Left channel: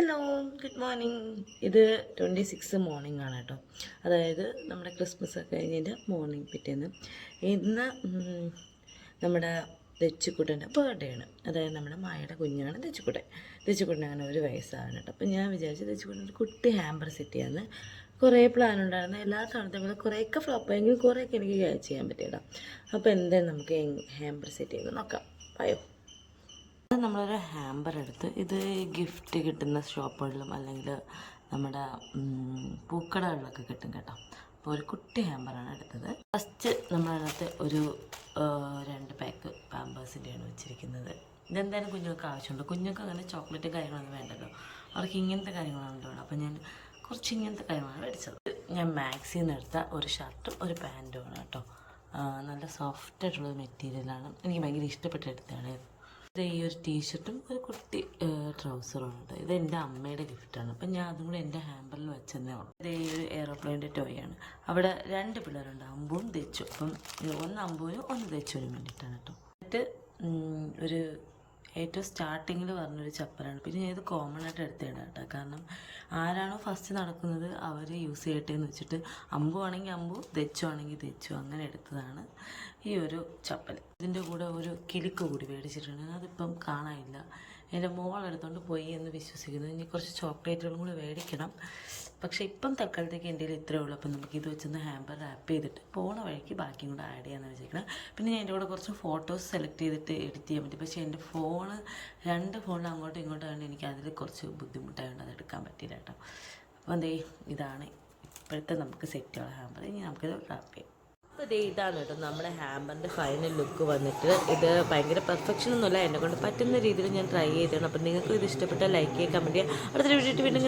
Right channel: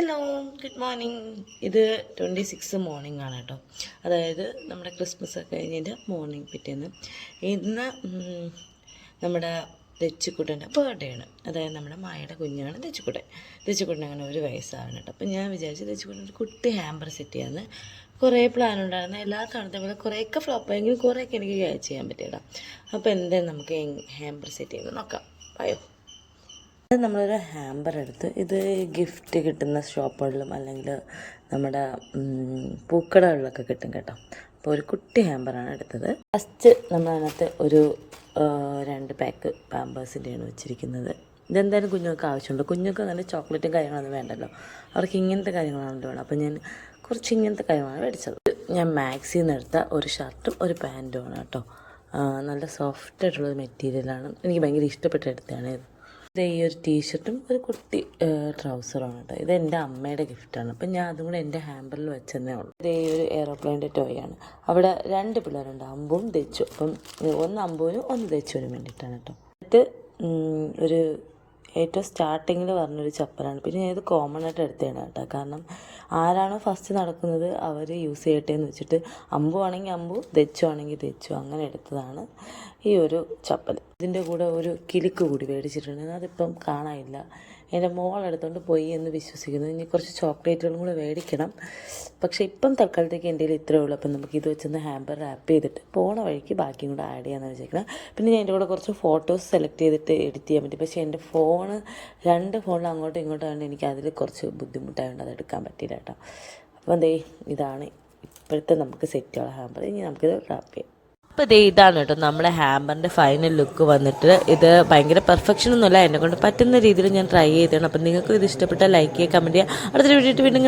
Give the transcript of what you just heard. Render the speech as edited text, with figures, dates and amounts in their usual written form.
Hello, good morning. ഇത് 26 morning ആണ് കേട്ടോ. അതായത് നമ്മുടെ ക്രിസ്മസ് ഒക്കെ കഴിഞ്ഞതിൻ്റെ മോർണിംഗ് പിറ്റേന്ന്. ഇന്ന് നമ്മുടെ തെച്ചിക്കുട്ടൻ്റെ ബർത്ത്ഡേ ആണ്. അതായത് നമ്മുടെ മായയുടെ കുഞ്ഞാണ് തെച്ചിക്കുട്ടൻ. തെച്ചിക്കുട്ടൻ അങ്ങനെ 1 വയസ്സാണ് കേട്ടോ. അപ്പം ഞാൻ വിചാരിച്ചു തെച്ചിക്കുട്ടൻ ഒരു കുട്ടി ഹാമ്പർ സെറ്റ് ചെയ്യാമെന്ന്. കുറേ പ്ലാൻ ഉണ്ടായിരുന്നു. എല്ലാ തവണത്തെ പോലെ കുറേയൊക്കെ ഫ്ലോപ്പായെങ്കിലും കുറേയൊക്കെ എനിക്ക് ക്യാച്ച് ചെയ്യാൻ പറ്റിയല്ലോ. അപ്പോൾ എന്തായാലും നമുക്ക് ഹാമ്പർ സെറ്റ് ചെയ്യുന്നത് നോക്കാം. പറയോ. നമ്മളൊരു ഹാമ്പർ എടുത്ത് ഇത് ഗിഫ്റ്റ് കിട്ടുന്ന ഷോപ്പുകളിലും അല്ലെങ്കിൽ നമ്മുടെ പൂക്കടകളിലൊക്കെ കിട്ടും കേട്ടോ. അപ്പോൾ ഒരു കുട്ടി ഹാമ്പറാണ് എടുത്തത്. ഫസ്റ്റ് നമ്മളതിനകത്ത് ഒരു 2 പാക്ക് പാമ്പേഴ്സിൻ്റെയാണ് വെച്ചിരിക്കുന്നത്. ഇതെന്തായാലും കുഞ്ഞുങ്ങൾക്ക് ആവശ്യമുണ്ട്. കുഞ്ഞുങ്ങൾക്ക് അങ്ങനെ ചോക്ലേറ്റും കാര്യങ്ങളൊന്നും വേണ്ടല്ലോ, അവർക്ക് ഇങ്ങനത്തെ കാര്യങ്ങളാണല്ലോ വേണം. അപ്പോൾ ഞാൻ കുറച്ച് ഇങ്ങനത്തെ കാര്യങ്ങളാണ് മേടിച്ചത്. ഞാൻ മാക്സിൽ നിന്ന് എടുത്ത ഒരു ഷർട്ടും ഒരു പാൻറ്റുമാണ് കേട്ടോ. നല്ല സോഫ്റ്റ് ആയിട്ടുള്ളൊരു മെറ്റീരിയലാണ്. എനിക്ക് ഭയങ്കര ഇഷ്ടപ്പെട്ട എടുത്തതാണ് ഇത്. ഈ ഒരു ടീഷർട്ടും ഒരു കുട്ടി ട്രൗസറുമാണ് കേട്ടോ. ഇത് എൻ്റെ അമ്മയുടെ ഗിഫ്റ്റാണ്. അപ്പം ഞാൻ അതും കൂടെ എൻ്റെ ഹാമ്പറിൽ വെച്ചെന്നേ ഉള്ളൂ. ഇത് ഈ ഒരു എയറോപ്ലെയിൻ്റെ ടോയാണ്. അവിടെ 2 പിള്ളേരുണ്ട്, അമ്പും തെച്ചു. അപ്പം ഒന്ന് അമ്പുവിനും ഒന്ന് തെച്ചുവിനും വേണ്ടിയിട്ടാണ് കേട്ടോ. എന്നിട്ട് ഒരു ഏറ്റവും സ്റ്റാർട്ടിങ്ങിൽ പറഞ്ഞൊരു ചപ്പലാണ്. പിന്നെ ഇത് കോമൺ ആയിട്ട് എടുത്തതാണ് കേട്ടോ. കാരണം ആരാണോ ഫസ്റ്റ് നടക്കുന്നത് അവർ യൂസ് ചെയ്യട്ടെ എന്ന് വെച്ചിട്ട്, അമ്പു ആണെങ്കിൽ അമ്പു, തെച്ചു ആണെങ്കിൽ തെച്ചു, അങ്ങനെ എടുത്തതാണ് ഈ ഒരു ചപ്പൽ. ഇതിൻ്റെ കൂടെ ഒരു കിലുക്ക് കൂടി മേടിച്ചിട്ടുണ്ട്. അതിപ്പം കാണാനില്ല. എൻ്റെ മോളെടുത്തോണ്ട് പോയി എന്ന് വിശ്വസിക്കുന്നു. ഇനി കുറച്ച് ചോക്ലേറ്റുകളും കൂടെ മേടിക്കണം. പക്ഷേ ഇപ്പം തൽക്കാലത്തേക്ക് എൻ്റെ കയ്യിൽ ഇത്രയേ ഉള്ളൂ. അപ്പം നമുക്ക് ഇത് വെച്ചൊന്ന് ഹാമ്പർ റാപ്പ് ചെയ്തിട്ട് പോണ വഴിക്ക് ബാക്കിയും കൂടെ ആഡ് ചെയ്യാമെന്ന് വെച്ചേക്കണം. പിന്നെ ഞാൻ എൻ്റെ കൂടെ കുറച്ച് ഫോട്ടോസ് സെലക്ട് ചെയ്തിട്ട് എഡിറ്റ് ചെയ്യാൻ പറ്റും. പക്ഷേ എൻ്റെ ഫോണ് 2 ഫോണിൽ അങ്ങോട്ടും ഇങ്ങോട്ടും ആയതുകൊണ്ട് എനിക്ക് അതിൽ കുറച്ച് ബുദ്ധിമുട്ടായതുകൊണ്ട് അത് എടുക്കാൻ പറ്റില്ല കേട്ടോ. അപ്പം ദേ ഇതാണ് ഇപ്പോഴത്തെ നമുക്ക് സെറ്റുള്ള ഹാമ്പർ. ഇനി നമുക്കിത് റാപ്പ് ചെയ്യാം. അപ്പോൾ ഇതാണ് കേട്ടോ നമ്മുടെ ഹാമ്പറിൻ്റെ ഫൈനൽ ലുക്ക് വന്നിട്ട്. ഇത് ഭയങ്കര പെർഫെക്ഷൻ ഒന്നുമല്ല, എന്നെ കൊണ്ട് പറ്റുന്ന രീതിയിൽ ഞാൻ ട്രൈ ചെയ്തതാണ്. അപ്പം നിങ്ങൾക്ക് ഇത് ഇഷ്ടപ്പെട്ടാൽ ലൈക്ക് ചെയ്യുക, കമൻറ്റ് ചെയ്യുക. അടുത്തൊരു വീഡിയോ വീണ്ടും